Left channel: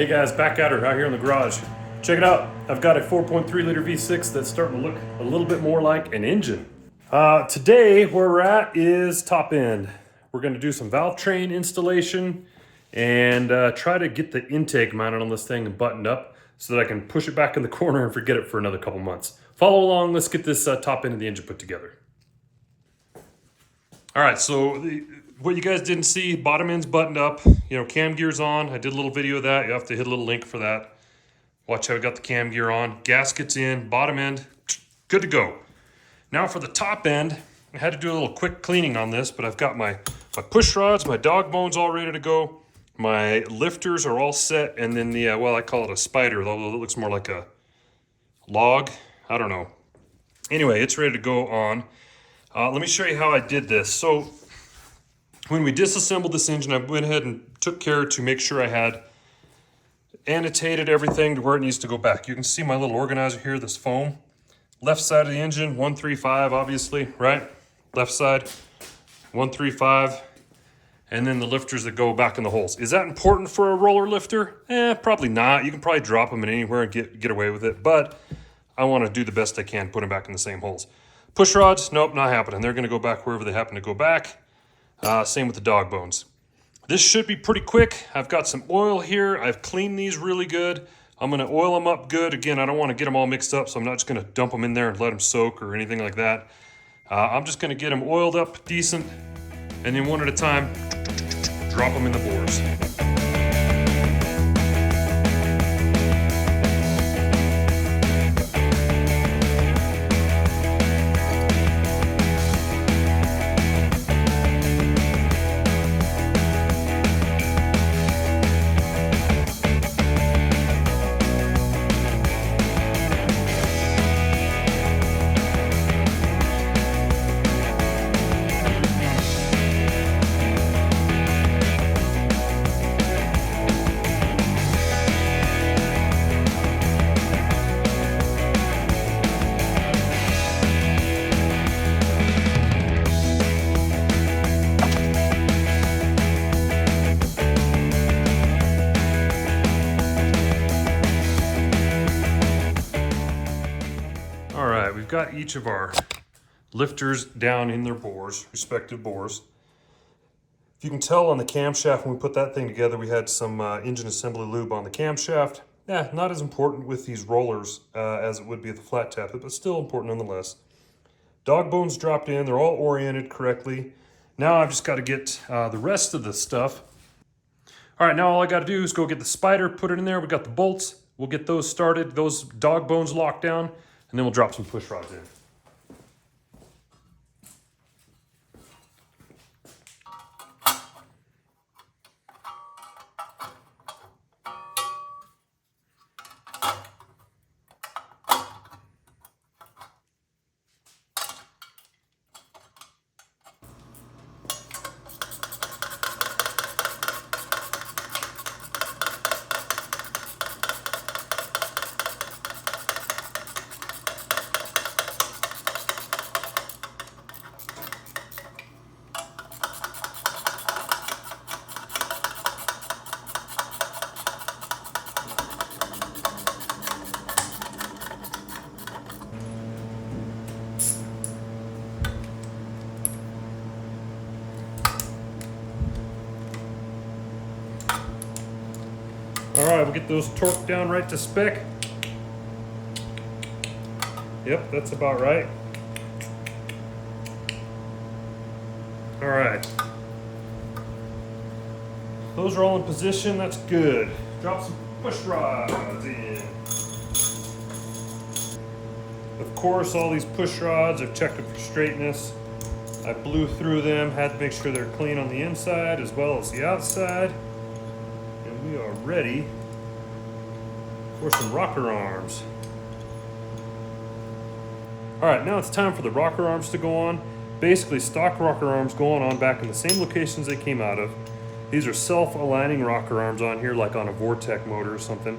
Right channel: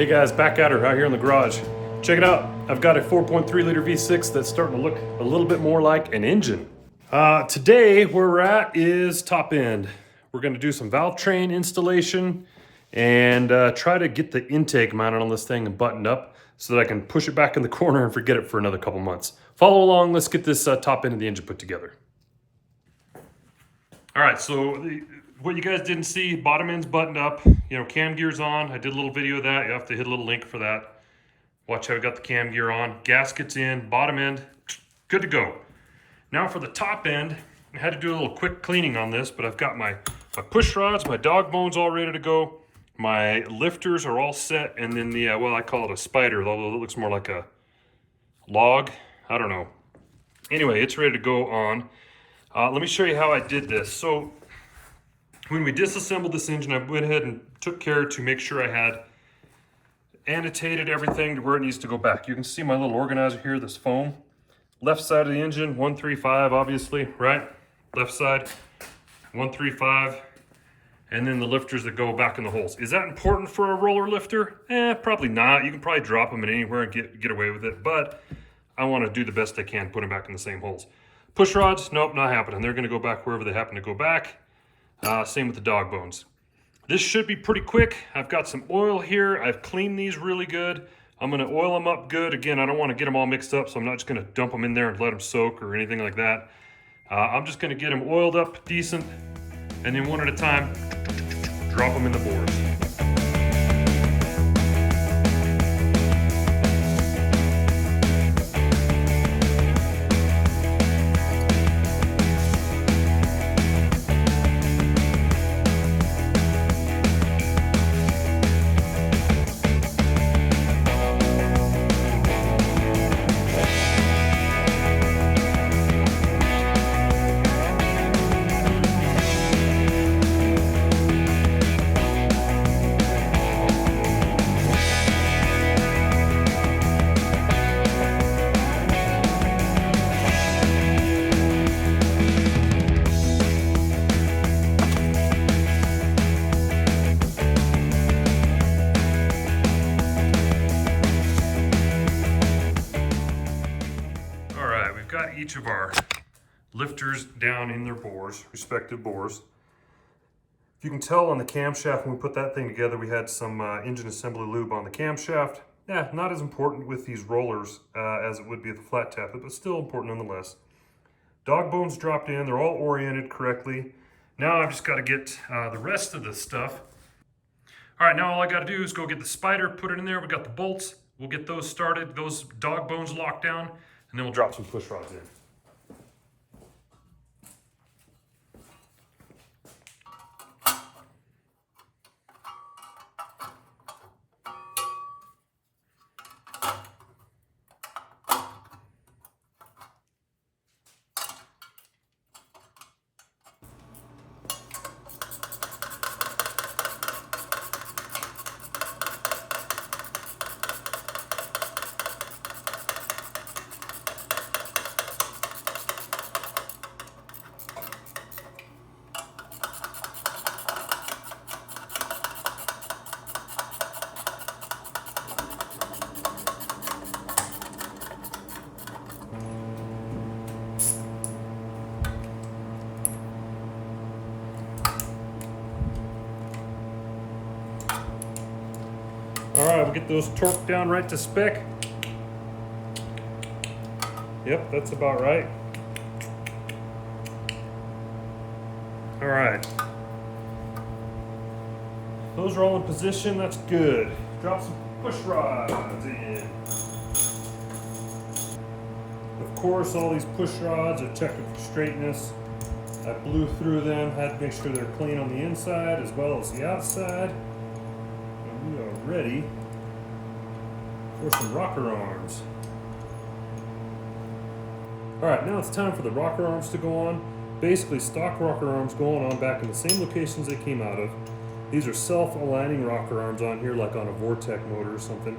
Hey guys, back at her out here in the garage. Check it out. I've got a 4.3 liter V6 that's starting to look a little bit more like an engine. Today, where we're at is top end. We're gonna do some valve train installation and try to get the intake mounted on this thing and buttoned up so that I can push it back in the corner and forget it for another couple months. Follow along, let's get this top end of the engine put together. All right, so what you guys didn't see, bottom end's buttoned up, cam gear's on. I did a little video of that. You have to hit a little link for that. Watch how we got the cam gear on. Gasket's in, bottom end, good to go. Now for the top end, I had to do a little quick cleaning on this, but I've got my push rods, my dog bones all ready to go. My lifters are all set, and then the, well, I call it a spider, although it looks more like a log. I don't know. Anyway, it's ready to go on. Let me show you how I did this. So when we disassembled this engine, I went ahead and took care to make sure I had annotated everything to where it needs to go back. You can see my little organizer here, this foam. Left side of the engine, 135, obviously, right? Left side, 135. And then the lifters that go back in the holes. Is that important for a roller lifter? Probably not. You can probably drop them in anywhere and get away with it. But I want to do the best I can, put them back in the same holes. Push rods, nope, not happening. They're going to go back wherever they happen to go back. Same with the dog bones. This should be pretty quick. I've got some oil here. I've cleaned these really good. I'm going to oil them up good. Again, I don't want to get them all mixed up, so I'm not just going to dump them in there and let them soak or anything like that. I'm just going to get them oiled up decent, and then one at a time, drop them in the bores. Got each of our lifters down in their bores, respective bores. If you can tell on the camshaft, when we put that thing together, we had some engine assembly lube on the camshaft. Yeah, not as important with these rollers as it would be with the flat tappet, but still important nonetheless. Dog bones dropped in, they're all oriented correctly. Now I've just got to get the rest of the stuff. All right, now all I got to do is go get the spider, put it in there. We got the bolts. We'll get those started, those dog bones locked down, and then we'll drop some push rods in. All right, we'll get those torqued down right to spec. Yep, that's about right. All right. Those are all in position, that's good. Drop some push rods in. Of course, all these push rods are checked for straightness. I blew through them, had to make sure they're clean on the inside as well as the outside. And we are ready for some rocker arms. All right, now it's time for the rocker arms to go on. Basically, stock rocker arms going on back in the same locations they came out of. These are self-aligning rocker arms on here, like on a Vortec motor or something.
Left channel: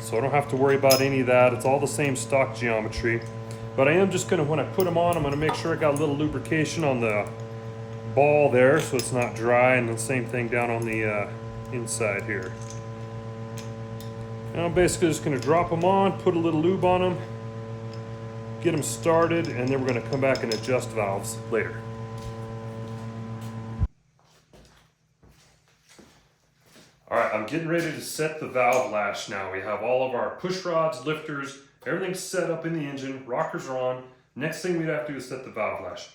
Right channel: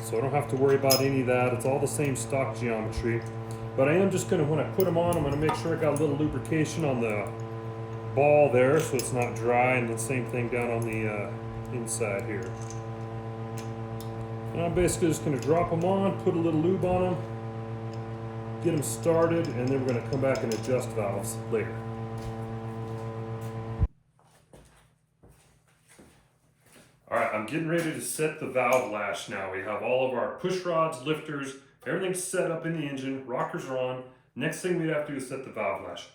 So I don't have to worry about any of that. It's all the same stock geometry. But I am just gonna, when I put them on, I'm gonna make sure I got a little lubrication on the ball there so it's not dry, and the same thing down on the inside here. Now I'm basically just going to drop them on, put a little lube on them, get them started, and then we're going to come back and adjust valves later. All right, I'm getting ready to set the valve lash now. We have all of our push rods, lifters, everything's set up in the engine, rockers are on. Next thing we have to do is set the valve lash.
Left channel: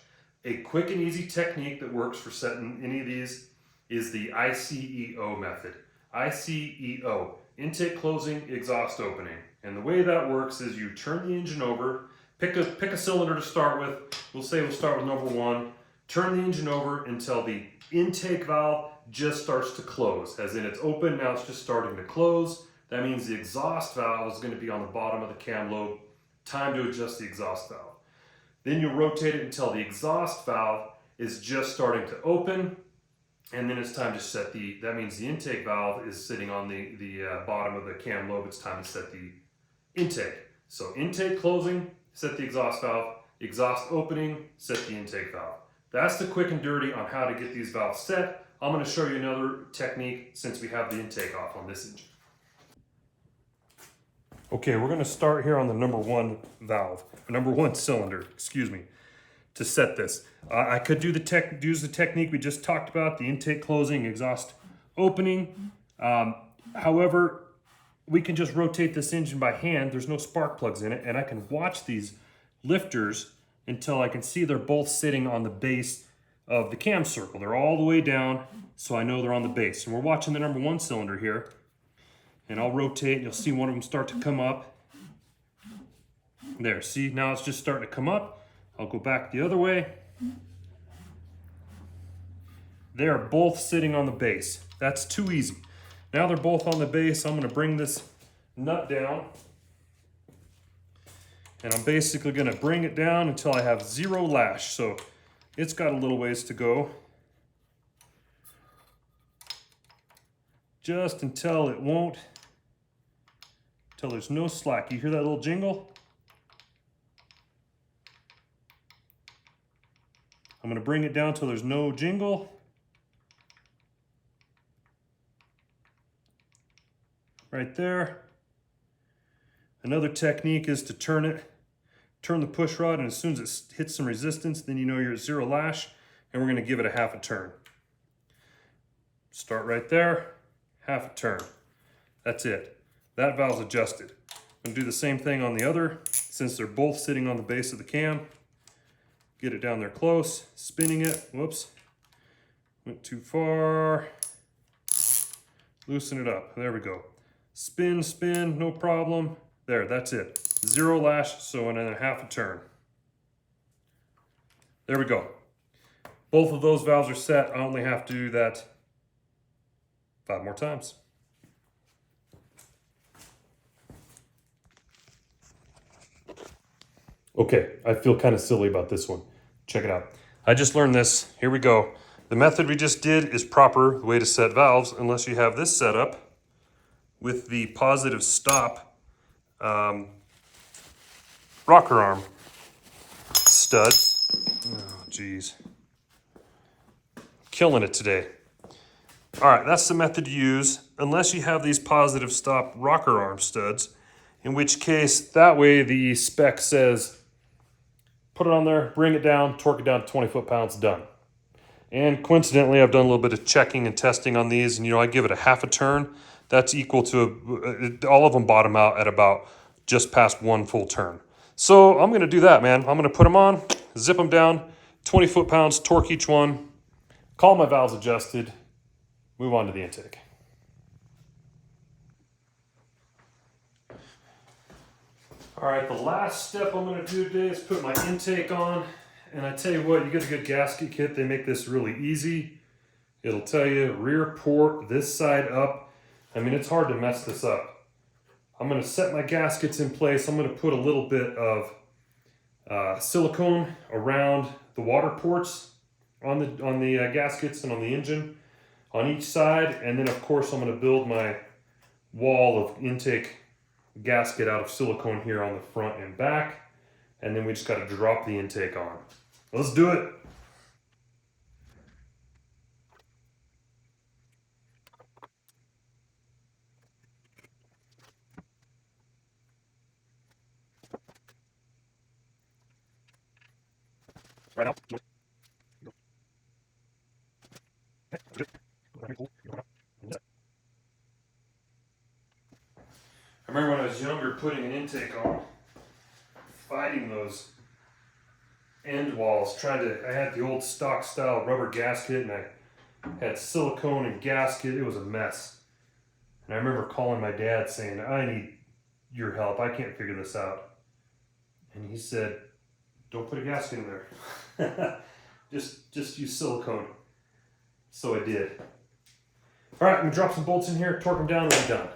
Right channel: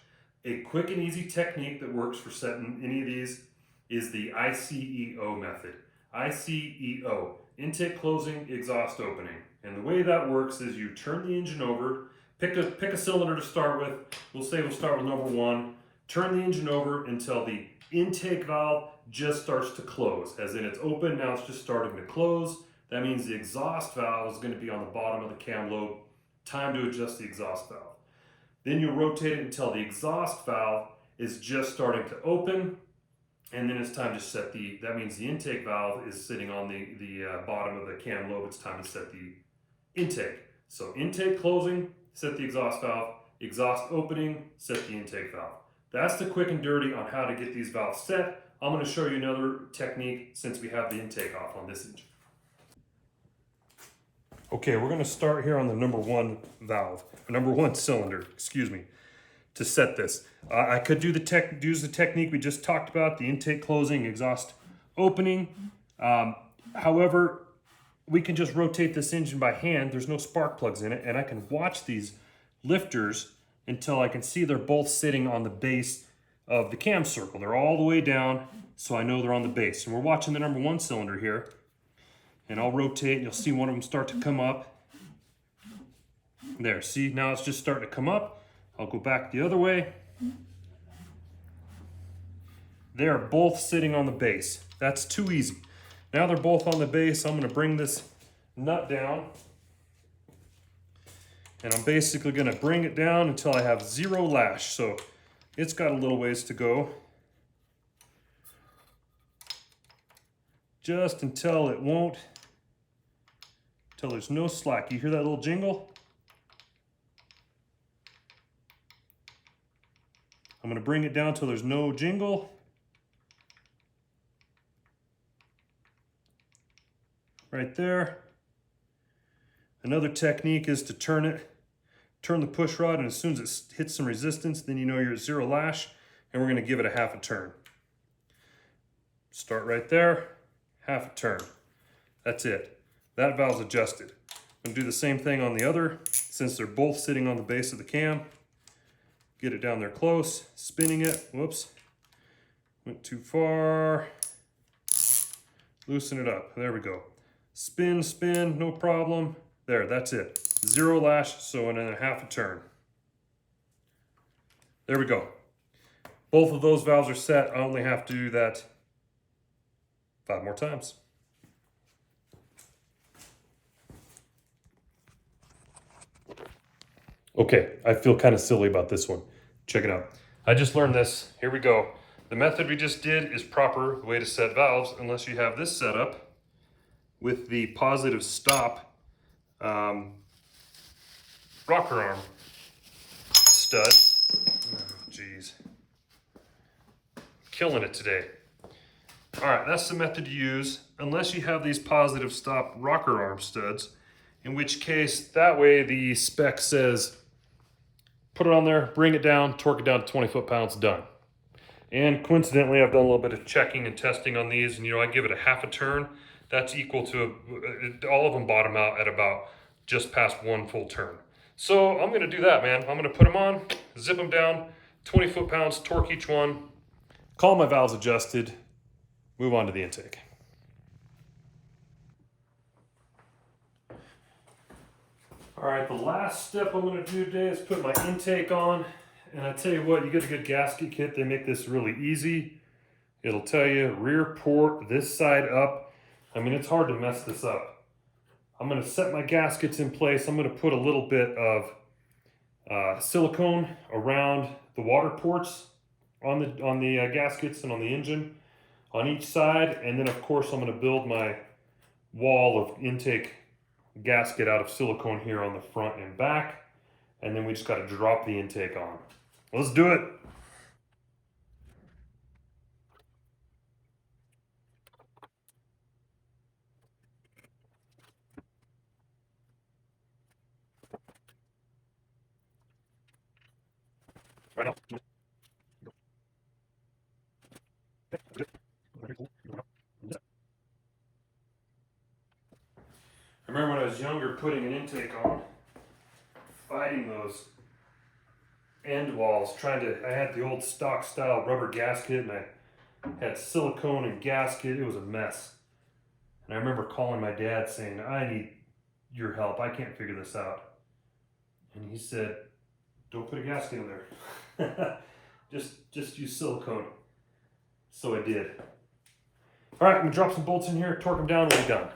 A quick and easy technique that works for setting any of these is the ICEO method. ICEO, intake closing, exhaust opening. And the way that works is you turn the engine over, pick a cylinder to start with. We'll say we'll start with number 1. Turn the engine over until the intake valve just starts to close. As in it's open, now it's just starting to close. That means the exhaust valve is going to be on the bottom of the cam lobe. Time to adjust the exhaust valve. Then you'll rotate it until the exhaust valve is just starting to open. And then it's time to set that means the intake valve is sitting on the bottom of the cam lobe. It's time to set the intake. So intake closing, set the exhaust valve. Exhaust opening, set the intake valve. That's the quick and dirty on how to get these valves set. I'm going to show you another technique since we have the intake off on this engine. Okay, we're going to start here on the number 1 valve, or number 1 cylinder, excuse me, to set this. I could use the technique we just talked about, the intake closing, exhaust opening. However, we can just rotate this engine by hand. There's no spark plugs in it, and I can watch these lifters until I can see they're both sitting on the base of the cam circle. They're all the way down, so I know they're on the base. And we're watching the number 1 cylinder here, and I'll rotate and you'll see one of them start to come up. There, see, now it's just starting to come up. I'll go back the other way. They're both sitting on the base. That's too easy. Now they're both on the base. I'm going to bring this nut down. And I'm basically going to bring it down until I have 0 lash. So it's got a little ways to go. Just until there's no slack. You hear that little jingle? I'm going to bring it down till there's no jingle. Right there. Another technique is to turn the push rod, and as soon as it hits some resistance, then you know you're at 0 lash, and we're going to give it a half a turn. Start right there, half a turn. That's it. That valve's adjusted. I'm going to do the same thing on the other, since they're both sitting on the base of the cam. Get it down there close, spinning it. Whoops, went too far. Loosen it up. There we go. Spin, spin, no problem. There, that's it. 0 lash, so in a half a turn. There we go. Both of those valves are set. I only have to do that 5 more times. Okay, I feel kind of silly about this one. Check it out. I just learned this. Here we go. The method we just did is proper way to set valves unless you have this set up with the positive stop rocker arm studs. Oh, geez. Killing it today. All right, that's the method to use unless you have these positive stop rocker arm studs, in which case that way the spec says put it on there, bring it down, torque it down to 20 foot-pounds, done. And coincidentally, I've done a little bit of checking and testing on these, and I give it a half a turn. That's equal to, all of them bottom out at about just past 1 full turn. So I'm gonna do that, man. I'm gonna put them on, zip them down, 20 foot-pounds, torque each one, call my valves adjusted, move on to the intake. All right, the last step I'm going to do today is put my intake on. And I tell you what, you get a good gasket kit, they make this really easy. It'll tell you rear port, this side up. I mean, it's hard to mess this up. I'm going to set my gaskets in place. I'm going to put a little bit of silicone around the water ports on the gaskets and on the engine on each side. And then, of course, I'm going to build my wall of intake gasket out of silicone here on the front and back, and then we just got to drop the intake on. Let's do it. Right now. I remember when I was younger putting an intake on, fighting those end walls, I had the old stock style rubber gasket and I had silicone and gasket. It was a mess. And I remember calling my dad saying, I need your help. I can't figure this out. And he said, don't put a gasket in there. just use silicone. So I did. All right, I'm gonna drop some bolts in here, torque them down, and we're done.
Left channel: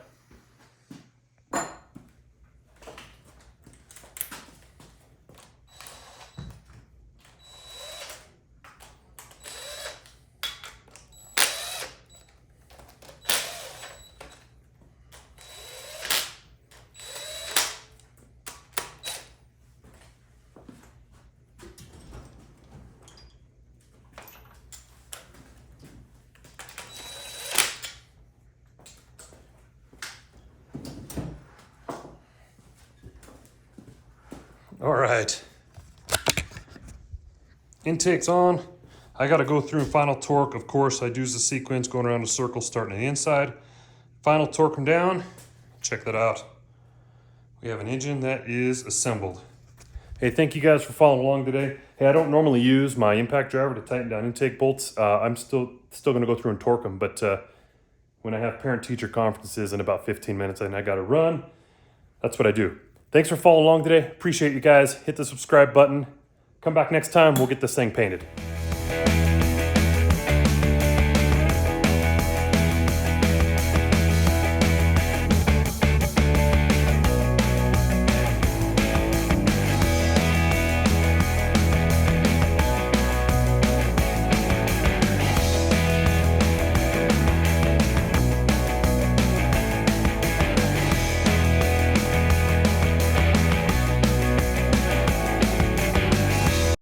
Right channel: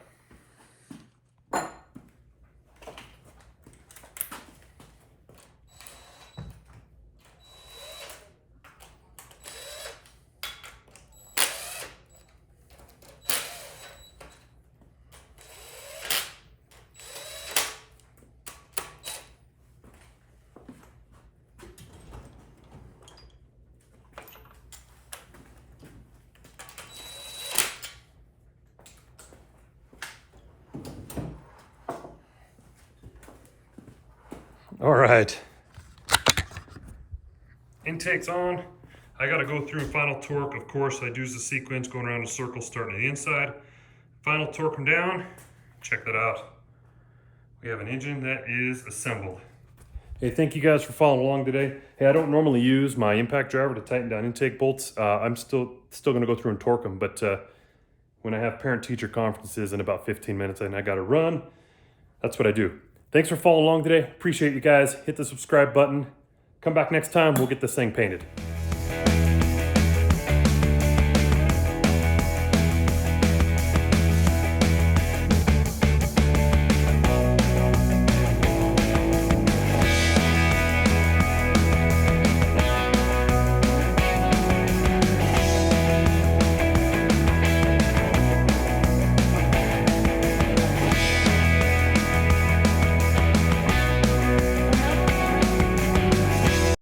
All right, intake's on. I gotta go through final torque. Of course, I'd use the sequence going around a circle, starting on the inside. Final torque them down. Check that out. We have an engine that is assembled. Hey, thank you guys for following along today. Hey, I don't normally use my impact driver to tighten down intake bolts. I'm still gonna go through and torque them, but when I have parent-teacher conferences in about 15 minutes and I gotta run, that's what I do. Thanks for following along today. Appreciate you guys. Hit the subscribe button. Come back next time. We'll get this thing painted.